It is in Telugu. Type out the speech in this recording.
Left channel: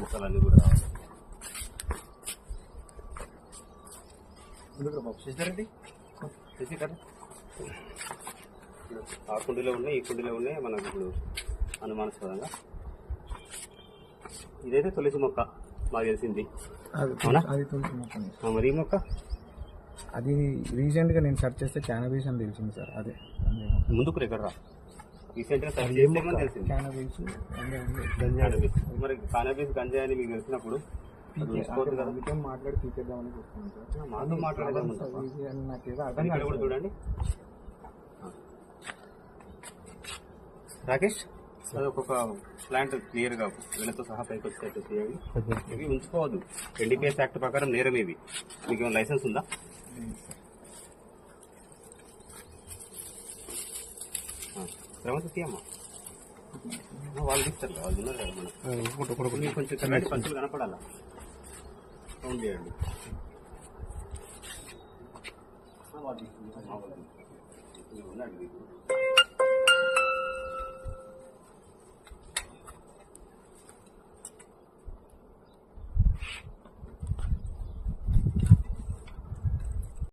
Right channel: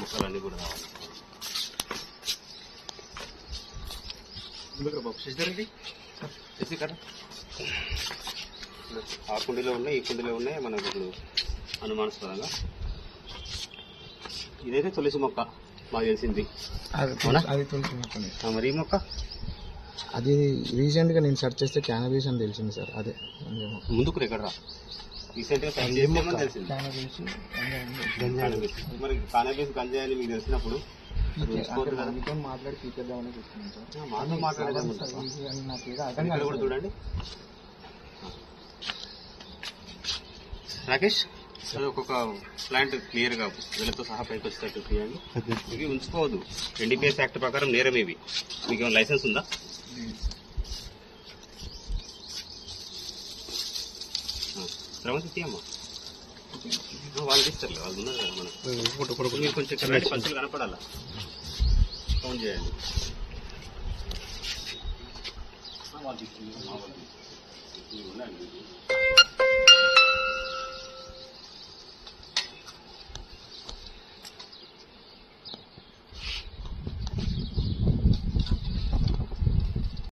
మొక్కలన్నీ కూడా రావాలి. చేసి కదా ఆ కుండీలో ఉన్నాయి, ఈ కుండీలో ఉన్నాయి. మనకు ఇప్పుడు అనుమానాస్పదంగా ఇదైతే తులసి మొక్క మాకు తెలిసింది. మరి ఈ మొక్క అది రీసెంట్గా నేను సెర్చ్ చేస్తే క్యానబీస్ అని తెలిసింది సార్. అదే ముందుకు ఎక్కడ రీసెంట్గా సెర్చ్ చేస్తామని తెలిసింది. మరి కానబీస్ గంజాయి అని మీకు తెలిసినప్పుడు మాట్లాడి తీసేద్దామని చూస్తున్నాను సార్. మాతో మాట్లాడేదాం కూడా చూడండి. రాకేష్ అది ఒక్కొక్క ప్లాంట్ క్లియర్గా వీళ్ళతో సహా పైకి వచ్చేటట్టు తీయండి. ఇవి ఉంచుకోవద్దు. NDPS యాక్ట్ ప్రకారం నేరం ఇవి. మీకు ఏమైనా లైసెన్స్ ఉందా? శ్రమ తీయమ్మా, వాళ్ళు తీస్తారు. వాళ్ళు ఉన్నారు కదా మనకు. మీరు కొంచెం కరెంట్ పంచులు కనపడాలా, కౌంట్ చేయండి. వాళ్ళు ఉండండి.